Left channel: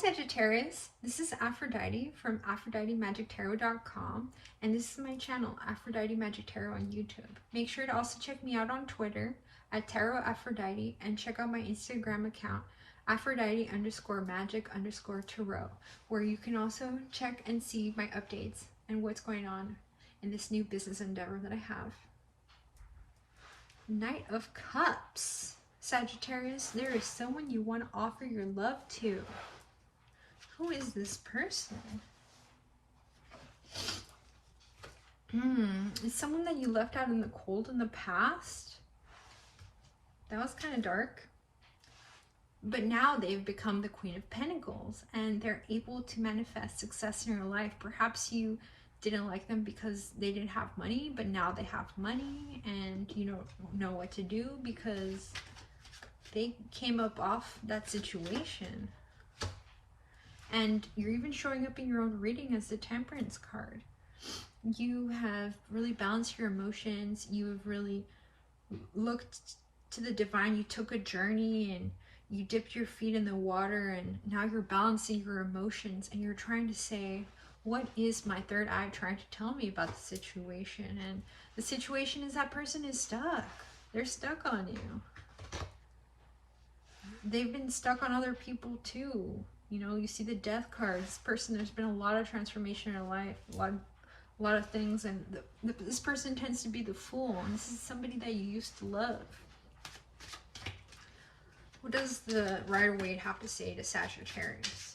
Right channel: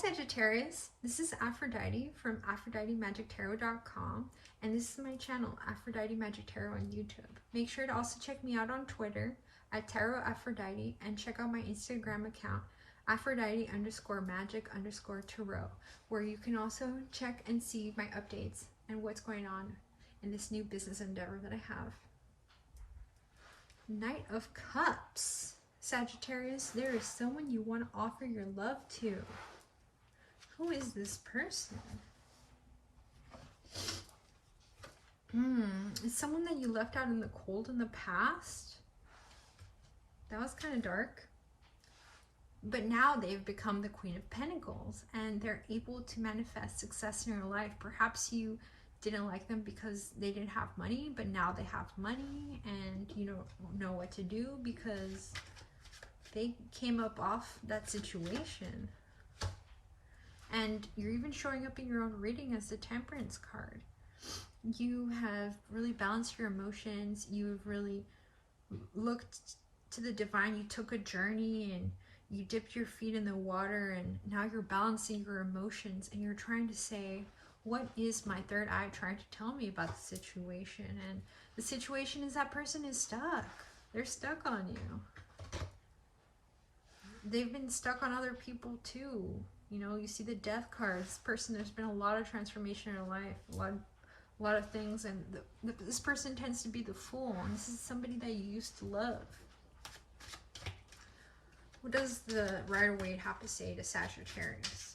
Sagittarius, this is Aphrodite from AphroditeMagicTarot.com, and this is my channel, Aphrodite Magic Tarot on YouTube. Make sure to also check me out on Twitter at Tarot Aphrodite, and check out my Instagram account, Aphrodite_magic_tarot, where you can also check and see my updates and what's going on in this new business endeavor that I have. Knight of Cups. Sagittarius, there is someone you want to offer your love to. Who is this person? It's someone that you left out in the cold in the past. That was kind of dark. But now they've become the Queen of Pentacles, and they're able to manifest success in your life. Perhaps you didn't like them because they didn't have money, but now they have money and you don't know what to do because they came up off that situation. And you're even showing up in your own reading as the Temperance card. You have really balanced your emotions. You've really looked to the divine. You took a journey and you dipped your feet in the water, and now you're balancing your emotions and you're trying to say, what is my third eye trying to tell me about the situation? And the situation is that person is stuck. They're stuck on you. They've been stuck on other people too. You know, you see the Death card. This person, there's been a lot of transformation in their life, a lot of things, and this person tends to be the Fool, and this is somebody that you used to love. What does the Rider-Waite have to say to Sagittarius?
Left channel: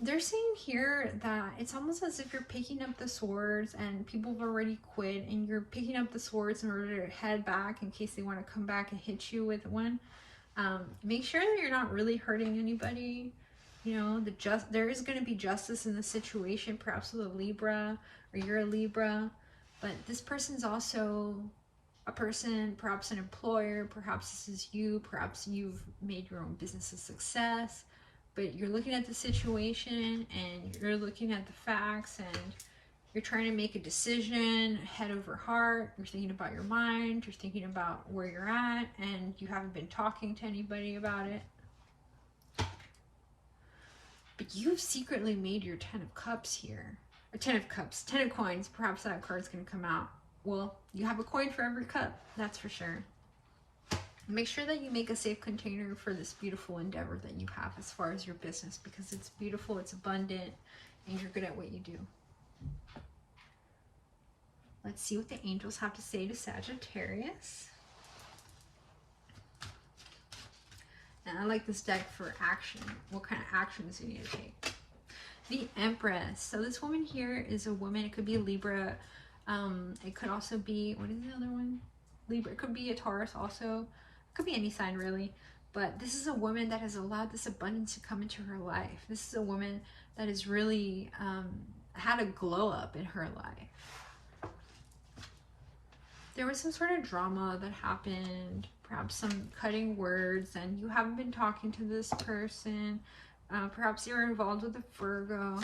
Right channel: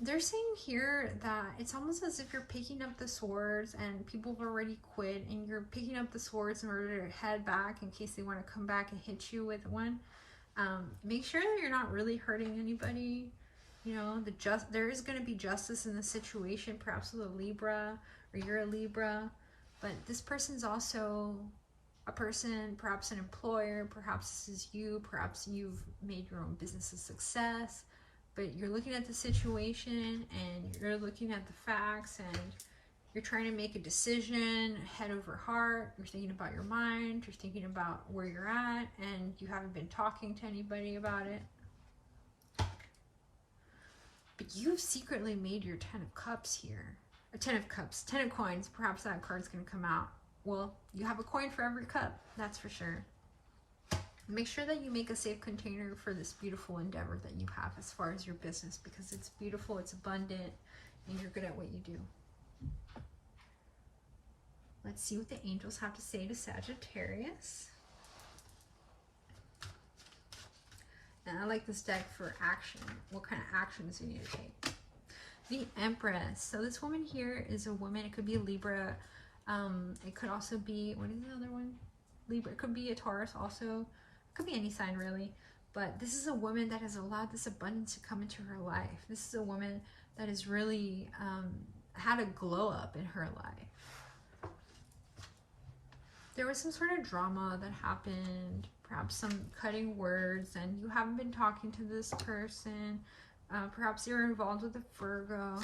They're saying here that it's almost as if you're picking up the swords and people have already quit, and you're picking up the swords in order to head back in case they want to come back and hit you with one. Make sure that you're not really hurting anybody. You know, there is going to be justice in the situation, perhaps with a Libra, or you're a Libra, but this person's also a person, perhaps an employer, perhaps this is you, perhaps you've made your own business a success. But you're looking at the situation and you're looking at the facts and you're trying to make a decision head over heart. You're thinking about your mind, you're thinking about where you're at, and you haven't been talking to anybody about it. But you've secretly made your 10 of Cups here. Or 10 of Cups, 10 of Coins. Perhaps that card's going to come out. Well, you have a coin for every cup, that's for sure. Make sure that you make a safe container for this beautiful endeavor that you have as far as your business, because it's beautiful, it's abundant, and you're good at what you do. Let's see what the angels have to say to Sagittarius. And I like this deck for action. What kind of actions you need to take? The Empress. So this woman here is a woman. It could be a Libra. It could also be, what is the other one? Libra. It could be a Taurus also. Could be any sign really, but this is a woman that has allowed this abundance to come into her life. This is a woman that has really had a glow up in her life. There was some sort of drama that happened, perhaps some cutting words, and you haven't been talking to this person. Perhaps you're involved with a Virgo.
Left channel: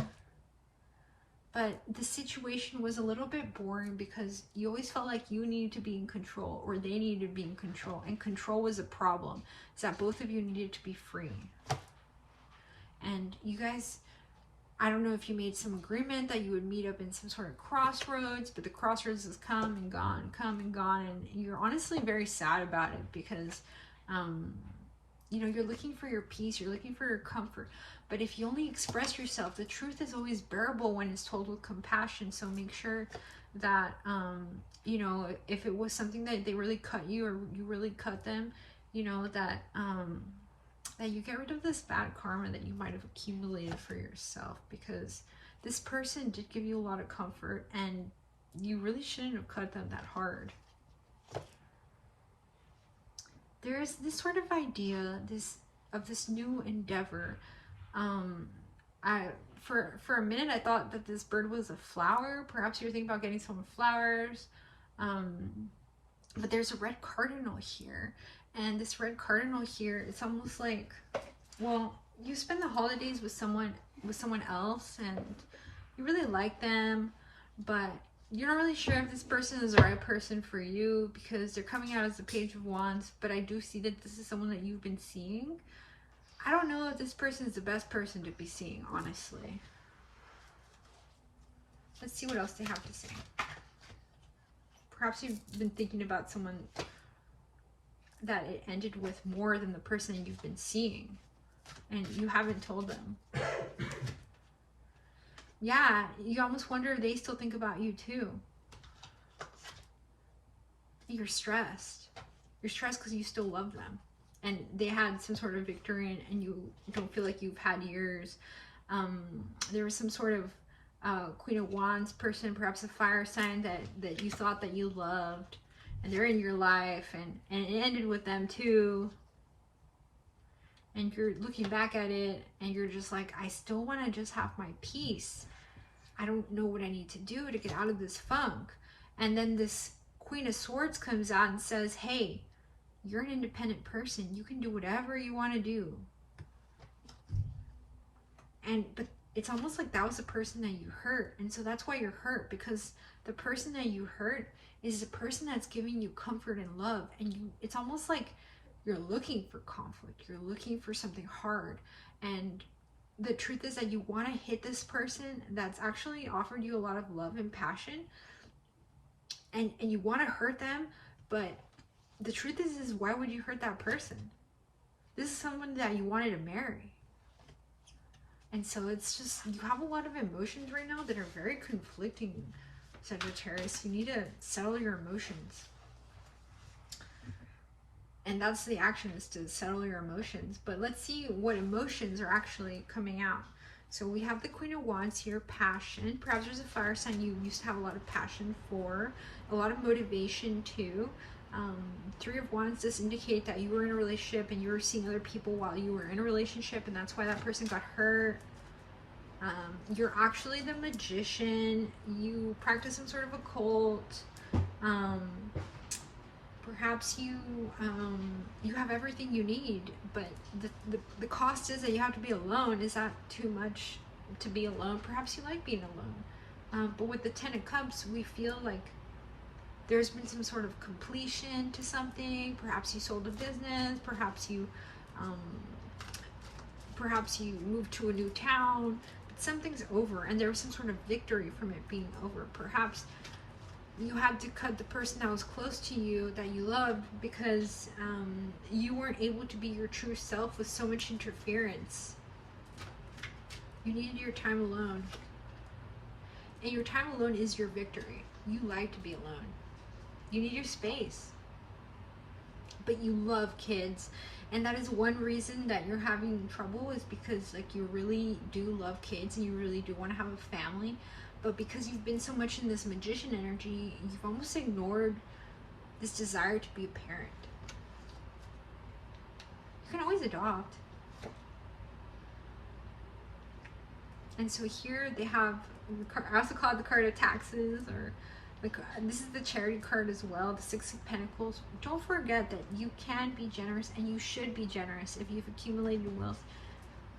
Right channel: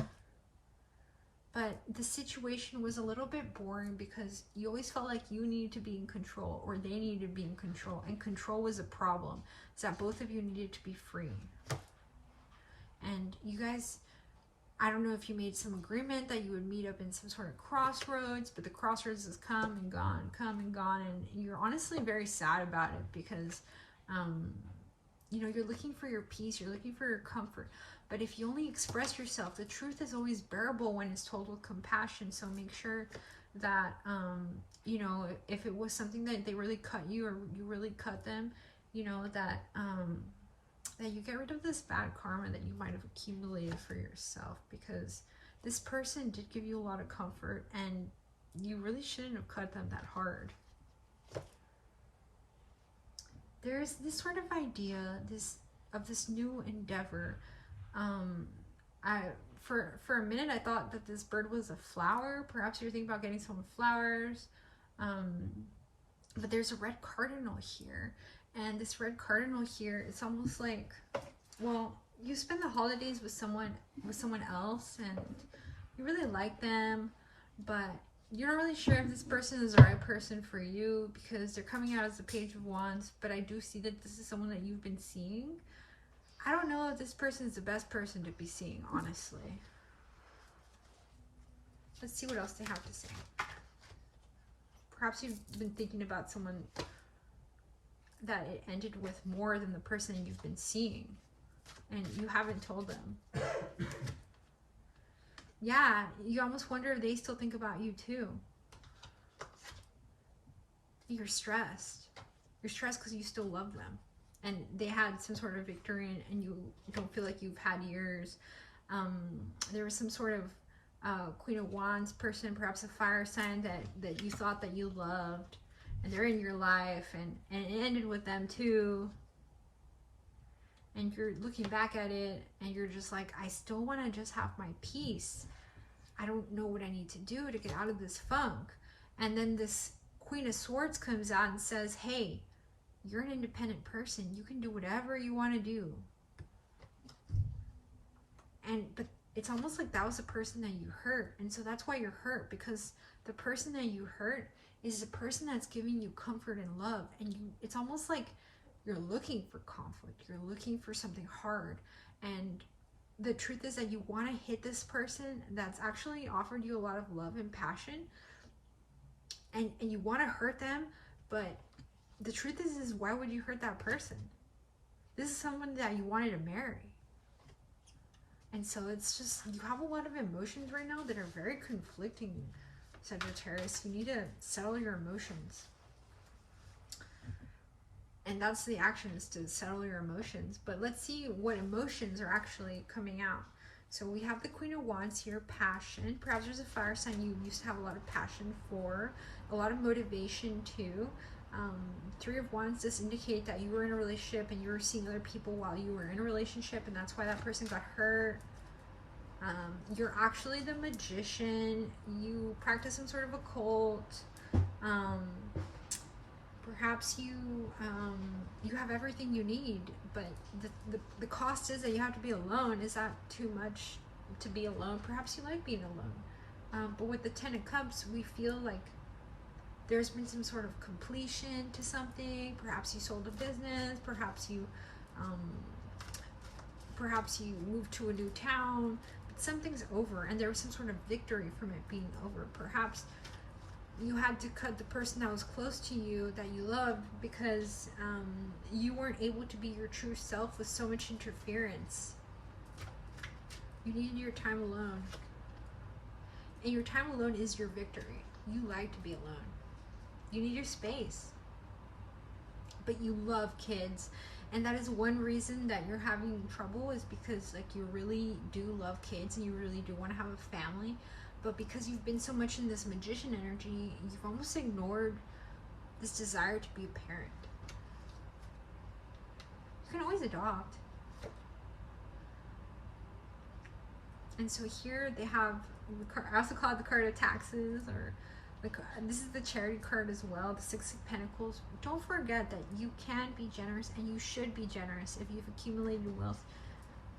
But the situation was a little bit boring because you always felt like you needed to be in control, or they needed to be in control, and control was a problem. It's that both of you needed to be free. And you guys, I don't know if you made some agreement that you would meet up in some sort of crossroads, but the crossroads has come and gone, and you're honestly very sad about it because, you know, you're looking for your peace, you're looking for your comfort. But if you only express yourself, the truth is always bearable when it's told with compassion. So make sure that, you know, if it was something that they really cut you or you really cut them, you know, that, that you get rid of this bad karma that you might have accumulated for yourself, because this person did give you a lot of comfort and you really shouldn't have cut them that hard. There's this sort of idea of this new endeavor. For a minute I thought that this bird was a flower. Perhaps you're thinking about getting some flowers, but there's a red cardinal here, and this red cardinal here, it's almost like, well, you spend the holidays with someone else and you really like them, but you're not really sure if this person is the right person for you because they're coming out as the Page of Wands, but I do see that this is someone that you've been seeing. I don't know if this person is the best person to be seeing, honestly. Let's see what else they have to say. Perhaps you've been thinking about someone that it ended with more than the person that you've been seeing, and you haven't told them. Yeah, you almost wonder if they still think about you too. You're stressed. You're stressed because you still love them. And they had some sort of victory and you don't feel like you've had yours. There was some sort of Queen of Wands person, perhaps a fire sign that you thought that you loved. And they're in your life and it ended with them too. And you're looking back at it and you're just like, I still want to just have my peace. I don't know what I need to do to get out of this funk. And then this Queen of Swords comes out and says, hey, you're an independent person. You can do whatever you want to do. But it's almost like that was the person that you hurt. And so that's why you're hurt, because the person that you hurt is the person that's giving you comfort and love. And it's almost like you're looking for conflict. You're looking for something hard. And the truth is that you want to hit this person that's actually offered you a lot of love and passion. And you want to hurt them, but the truth is why would you hurt that person? This is someone that you wanted to marry. And so it's just, you have a lot of emotions right now that are very conflicting, Sagittarius. You need to settle your emotions. And that's the action, is to settle your emotions. But let's see what emotions are actually coming out. So we have the Queen of Wands here, passion. Perhaps there's a fire sign you used to have a lot of passion for, a lot of motivation too. Three of Wands does indicate that you were in a relationship and you were seeing other people while you were in a relationship, and that's why that person got hurt. You're actually the magician. You practice some sort of occult. Perhaps you have everything you need, but the cost is that you have to be alone. Is that too much to be alone? Perhaps you like being alone. But with the Ten of Cups, we feel like there's been some sort of completion to something. Perhaps you sold a business. Perhaps you moved to a new town. But something's over, and there was some sort of victory from it being over. Perhaps you had to cut the person that was close to you, that you loved, because you weren't able to be your true self with so much interference. You needed your time alone. And your time alone is your victory. You like to be alone. You need your space. But you love kids. And that is one reason that you're having trouble, is because like you really do love kids and you really do want to have a family. But because you've been so much in this magician energy, you've almost ignored this desire to be a parent. You can always adopt. And so here they have, I also call it the card of taxes, or this is the charity card as well, the Six of Pentacles. Don't forget that you can be generous, and you should be generous if you've accumulated wealth.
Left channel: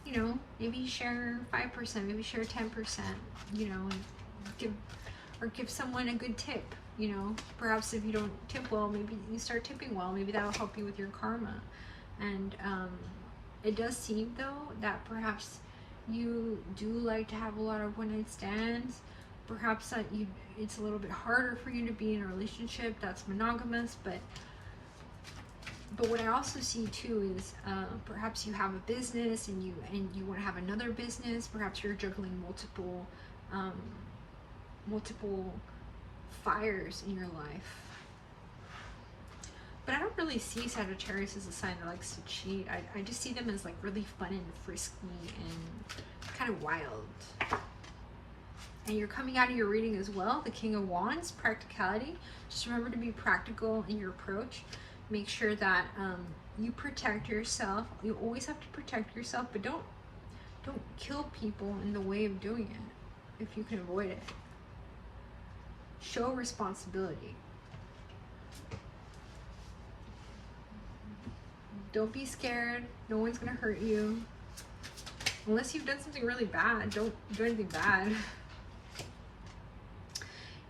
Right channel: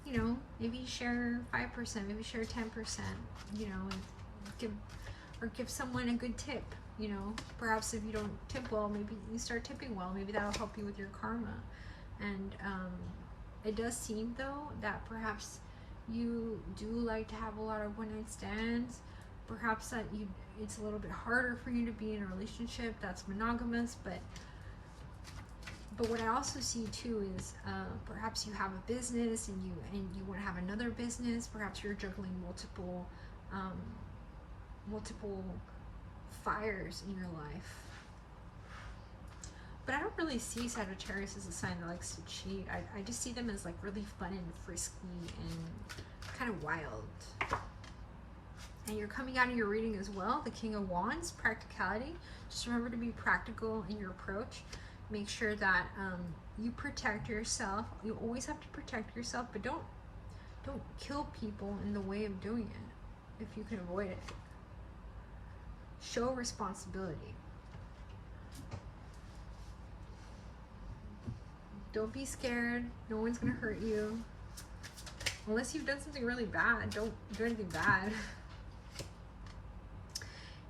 You know, maybe share 5%, maybe share 10%, you know, and give someone a good tip, you know. Perhaps if you don't tip well, maybe you start tipping well. Maybe that'll help you with your karma. And it does seem, though, that perhaps you do like to have a lot of one-night stands. Perhaps that it's a little bit harder for you to be in a relationship that's monogamous, but what I also see too is perhaps you have a business and you want to have another business. Perhaps you're juggling multiple fires in your life. But I don't really see Sagittarius as a sign that likes to cheat. I just see them as like really fun and frisky and kind of wild. And you're coming out of your reading as well, the King of Wands, practicality. Just remember to be practical in your approach. Make sure that you protect yourself. You always have to protect yourself, but don't kill people in the way of doing it if you can avoid it. Show responsibility. Don't be scared. No one's gonna hurt you. Unless you've done something really bad. Don't do anything bad.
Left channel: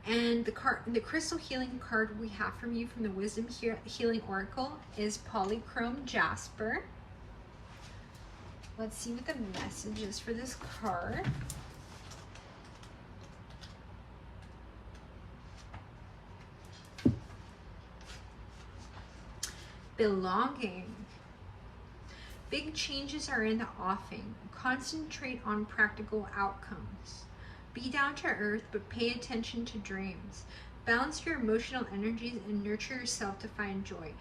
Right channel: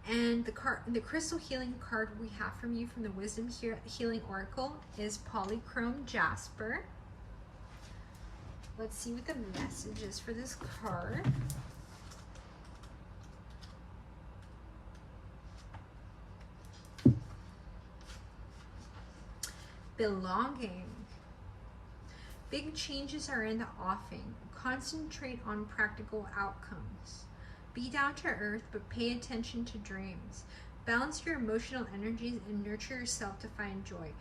And the crystal healing card we have from you from the Wisdom Healing Oracle is Polychrome Jasper. Let's see what the message is for this card. Belonging. Big changes are in the offing. Concentrate on practical outcomes. Be down to earth, but pay attention to dreams. Balance your emotional energies and nurture yourself to find joy.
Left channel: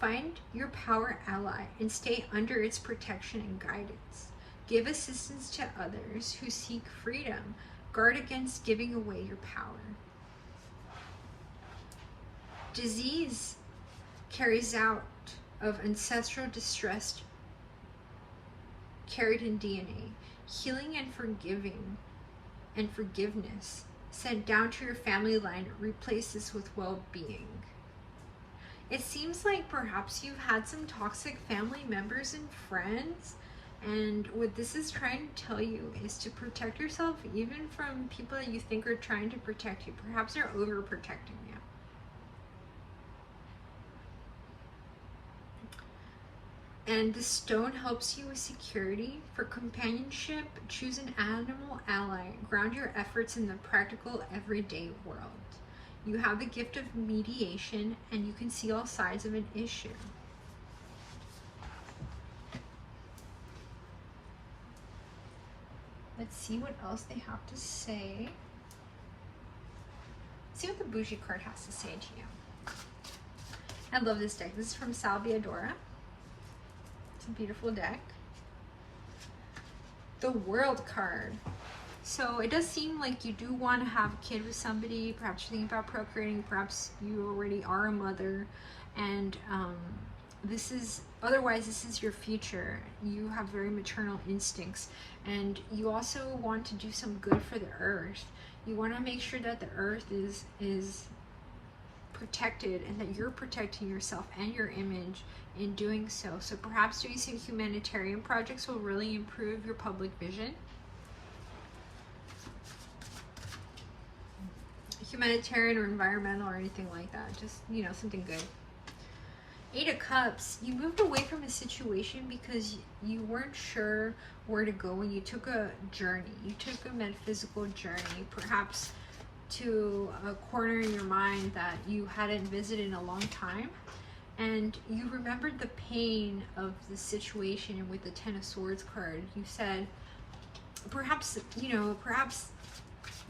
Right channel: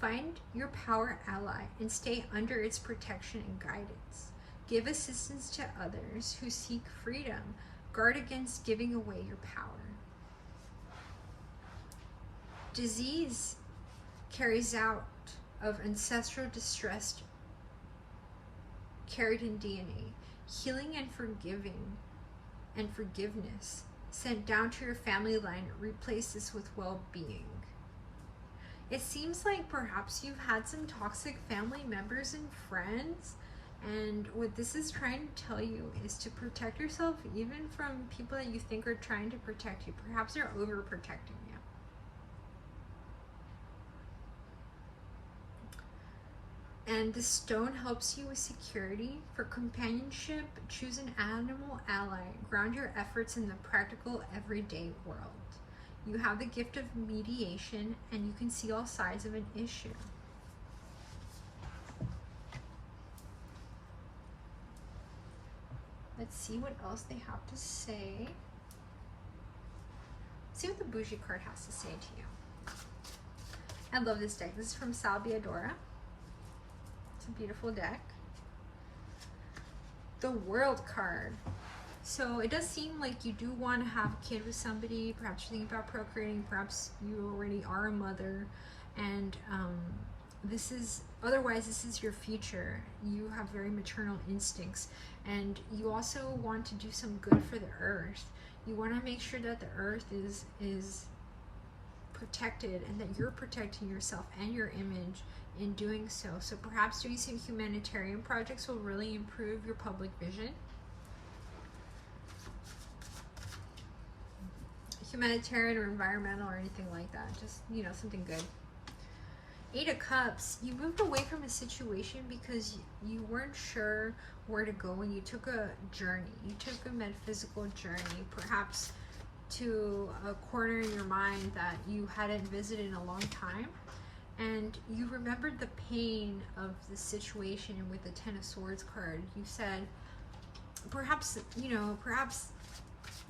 Find your power ally and stay under its protection and guidance. Give assistance to others who seek freedom. Guard against giving away your power. Disease carries out of ancestral distress carried in DNA. Healing and forgiveness sent down to your family line. Replace this with well-being. It seems like perhaps you've had some toxic family members and friends, and what this is trying to tell you is to protect yourself even from people that you think are trying to protect you. Perhaps they're overprotecting you. And the stone helps you with security. For companionship, choose an animal ally. Ground your efforts in the practical, everyday world. You have the gift of mediation, and you can see all sides of an issue. Let's see what else they have to say. Let's see what the Boujie card has to say to you. I love this deck. This is from Biadora. It's a beautiful deck. The World card. So it does seem like you do want to have a kid with somebody. Perhaps you're thinking about procreating. Perhaps you already are a mother. And this is your future. You have very maternal instincts. And you also want to do some good for the earth. You want to make sure that the earth is protected and that you're protecting yourself and your image in doing so. So perhaps doing some humanitarian projects will really improve your public vision. Humanitarian or environmental or anything like that. Just, you know, something good. 8 of Cups. You moved away from a situation because you weren't sure where to go, and you took a journey. You took a metaphysical journey, perhaps to a corner in your mind that you hadn't visited in a long time. And you remembered the pain of the situation, and with the 10 of Swords card, you said, perhaps, you know, perhaps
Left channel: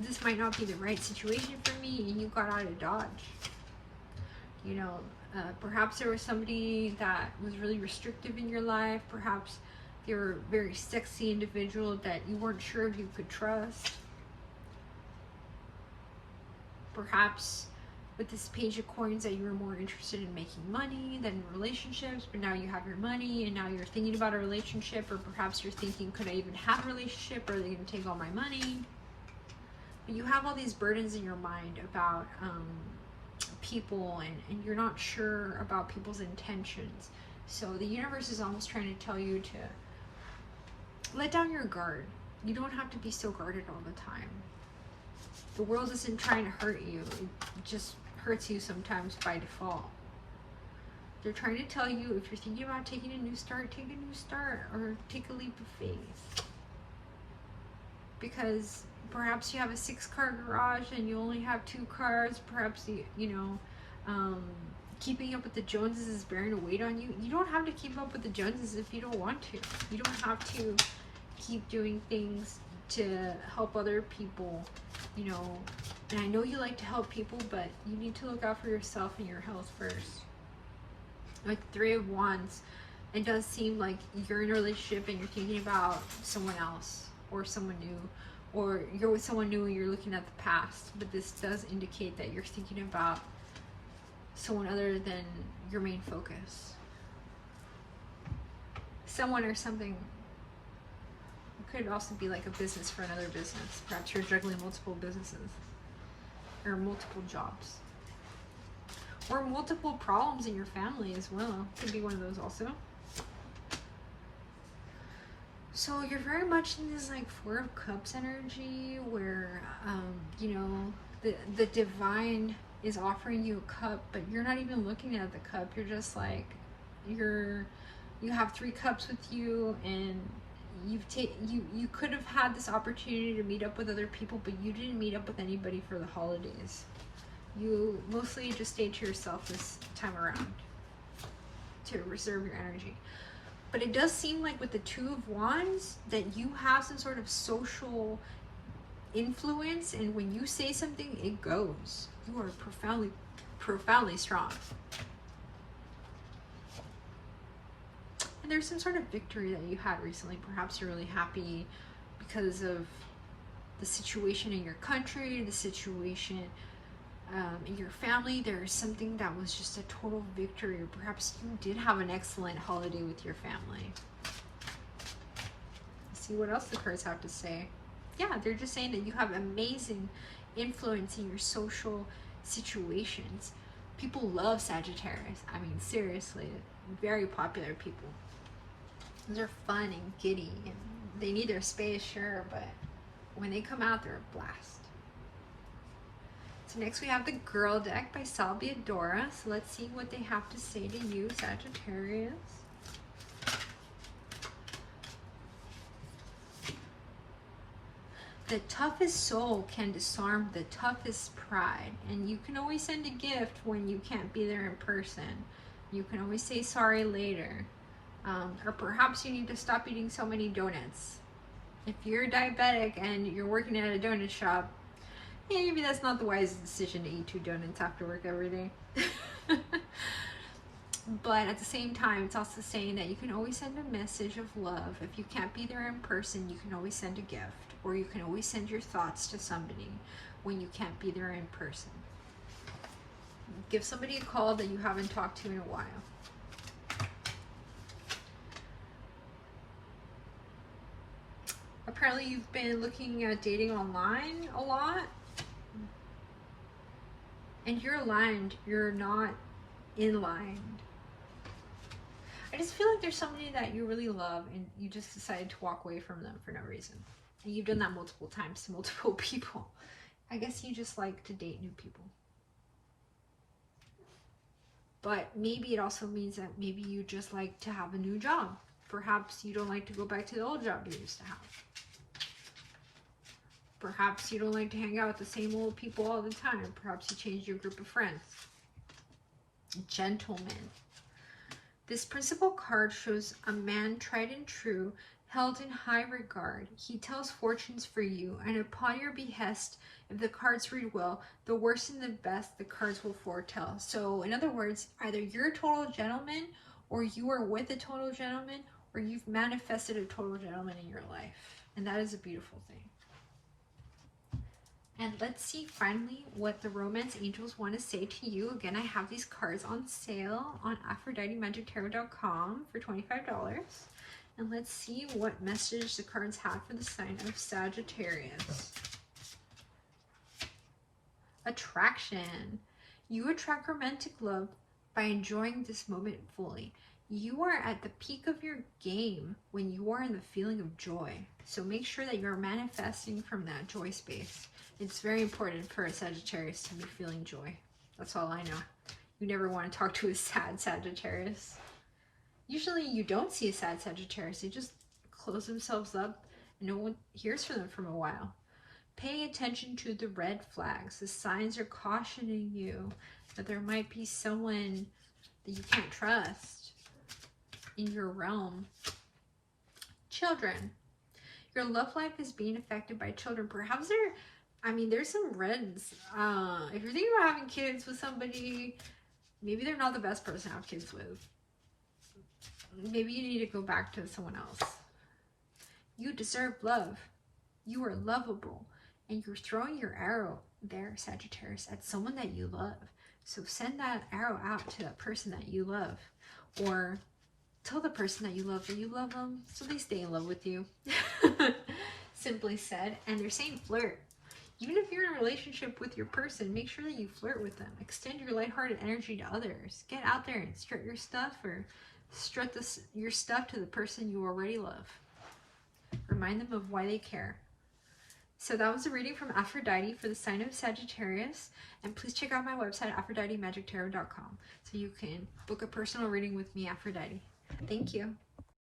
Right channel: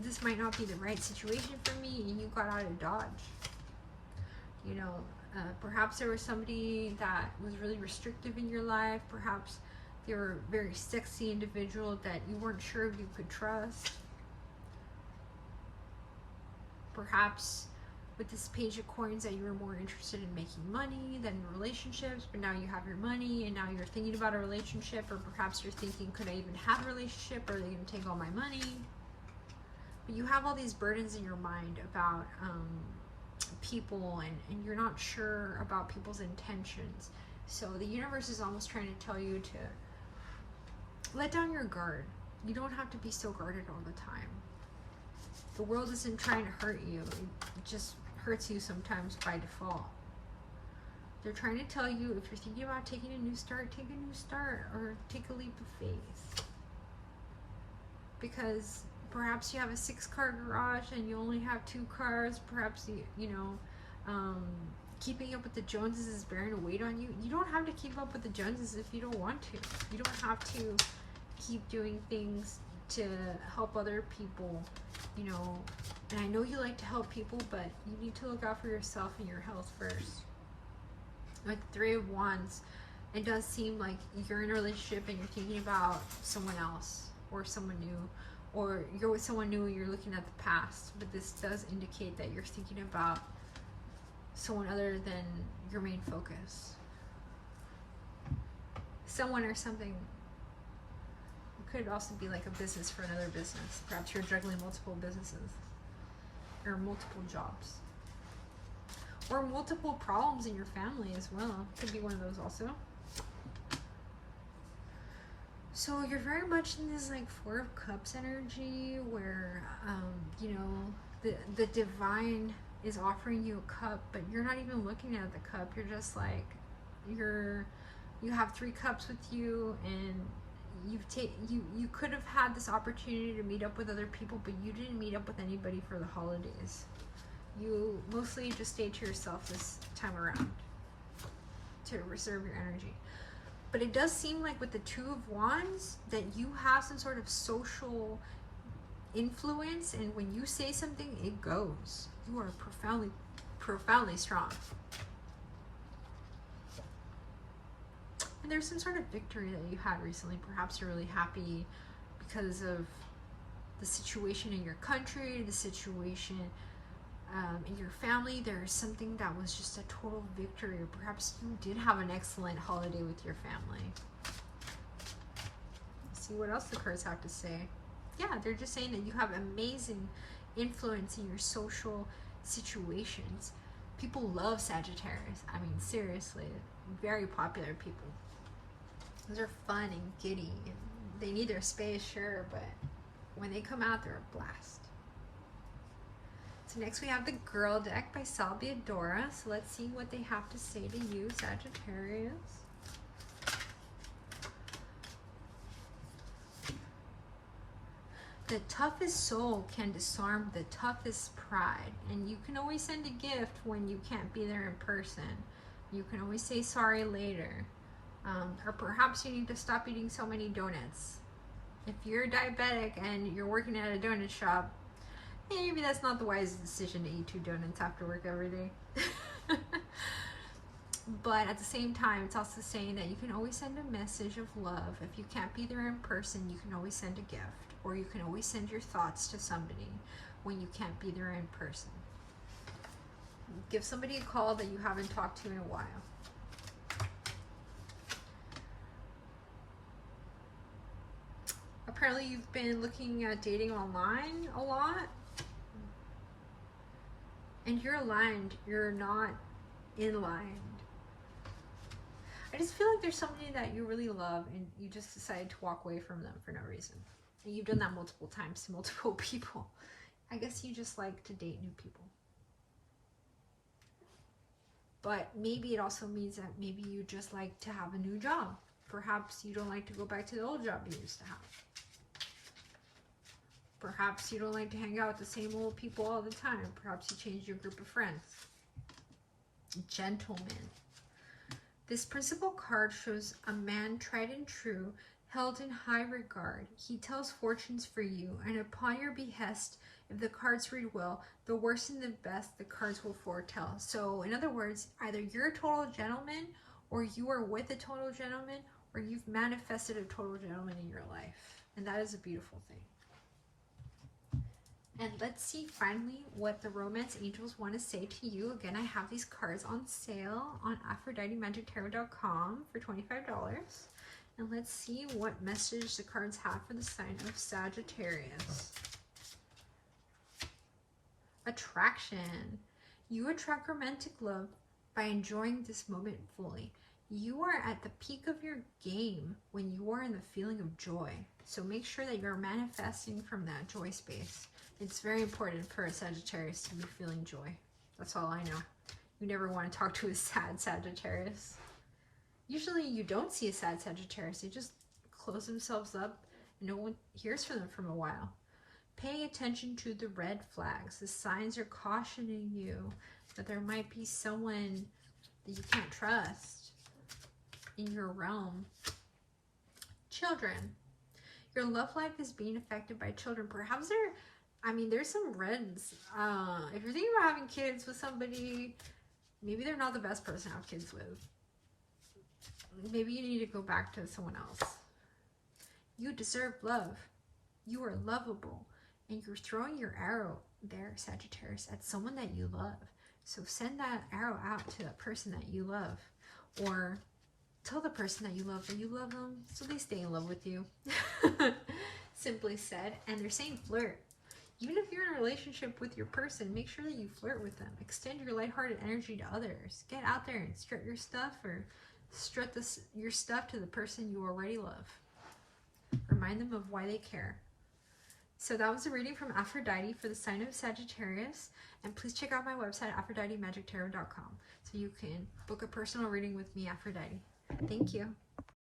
this might not be the right situation for me, and you got out of Dodge. You know, perhaps there was somebody that was really restrictive in your life. Perhaps they were a very sexy individual that you weren't sure if you could trust. Perhaps with this Page of Coins that you were more interested in making money than in relationships, but now you have your money and now you're thinking about a relationship, or perhaps you're thinking, could I even have a relationship, or are they going to take all my money? But you have all these burdens in your mind about people, and you're not sure about people's intentions. So the universe is almost trying to tell you to let down your guard. You don't have to be so guarded all the time. The world isn't trying to hurt you. It just hurts you sometimes by default. They're trying to tell you, if you're thinking about taking a new start, take a new start, or take a leap of faith. Because perhaps you have a 6-car garage and you only have 2 cars. Perhaps you know, keeping up with the Joneses is bearing a weight on you. You don't have to keep up with the Joneses if you don't want to. You don't have to keep doing things to help other people, you know. And I know you like to help people, but you need to look out for yourself and your health first. Like 3 of Wands, it does seem like you're in a relationship and you're thinking about someone else or someone new, or you're with someone new and you're looking at the past. But this does indicate that you're thinking about someone other than your main focus. Someone or something. It could also be like a business for another business. Perhaps you're juggling multiple businesses or multiple jobs, or multiple problems in your family as well. Could be one of those also. So you're very much in this like 4 of Cups energy where, you know, the divine is offering you a cup, but you're not even looking at the cup. You're just like, you have 3 cups with you, and you could have had this opportunity to meet up with other people, but you didn't meet up with anybody for the holidays. You mostly just stayed to yourself this time around to reserve your energy. But it does seem like with the 2 of Wands that you have some sort of social influence, and when you say something, it goes. You are profoundly strong. And there's some sort of victory that you had recently. Perhaps you're really happy because of the situation in your country, the situation in your family. There's something that was just a total victory, or perhaps you did have an excellent holiday with your family. Let's see what else the cards have to say. Yeah, they're just saying that you have amazing influence in your social situations. People love Sagittarius. I mean, seriously, very popular people. They're fun and giddy, and they need their space, sure, but when they come out, they're a blast. So next we have the Gurl deck by Biadora. So let's see what they have to say to you, Sagittarius. The toughest soul can disarm the toughest pride. And you can always send a gift when you can't be there in person. You can always say sorry later. Or perhaps you need to stop eating so many donuts. If you're diabetic and you're working at a donut shop, maybe that's not the wisest decision to eat 2 donuts after work every day. But at the same time, it's also saying that you can always send a message of love. If you can't be there in person, you can always send a gift. Or you can always send your thoughts to somebody when you can't be there in person. Give somebody a call that you haven't talked to in a while. Apparently you've been looking at dating online a lot. And you're aligned. You're not in line. I just feel like there's somebody that you really love and you just decided to walk away from them for no reason. And you've done that multiple times to multiple people. I guess you just like to date new people. But maybe it also means that maybe you just like to have a new job. Perhaps you don't like to go back to the old job you used to have. Perhaps you don't like to hang out with the same old people all the time. Perhaps you changed your group of friends. Gentleman. This principal card shows a man tried and true, held in high regard. He tells fortunes for you, and upon your behest, if the cards read well, the worst and the best the cards will foretell. So, in other words, either you're a total gentleman, or you are with a total gentleman, or you've manifested a total gentleman in your life. And that is a beautiful thing. And let's see finally what the romance angels want to say to you. Again, I have these cards on sale on AphroditeMagicTarot.com for $25. And let's see what message the cards have for the sign of Sagittarius. Attraction. You attract romantic love by enjoying this moment fully. You are at the peak of your game when you are in the feeling of joy. So make sure that you're manifesting from that joy space. It's very important for a Sagittarius to be feeling joy. That's all I know. You never want to talk to a sad Sagittarius. Usually you don't see a sad Sagittarius. They just close themselves up and no one hears from them for a while. Pay attention to the red flags. The signs are cautioning you that there might be someone that you can't trust in your realm. Children. Your love life is being affected by children. Perhaps there's some reds. If you're thinking about having kids with somebody, maybe they're not the best person to have kids with. Maybe you need to go back to someone else. You deserve love. You are lovable. And you're throwing your arrow there, Sagittarius, at someone that you love. So send that arrow out to that person that you love. Or tell the person that you love them so they stay in love with you. Simply said. And they're saying flirt. Even if you're in a relationship with your person, make sure that you flirt with them. Extend your lighthearted energy to others. Get out there and strut your stuff, or strut your stuff to the person you already love. Remind them of why they care. So that was a reading from Aphrodite for the sign of Sagittarius. And please check out my website, AphroditeMagicTarot.com, so you can book a personal reading with me, Aphrodite. Thank you.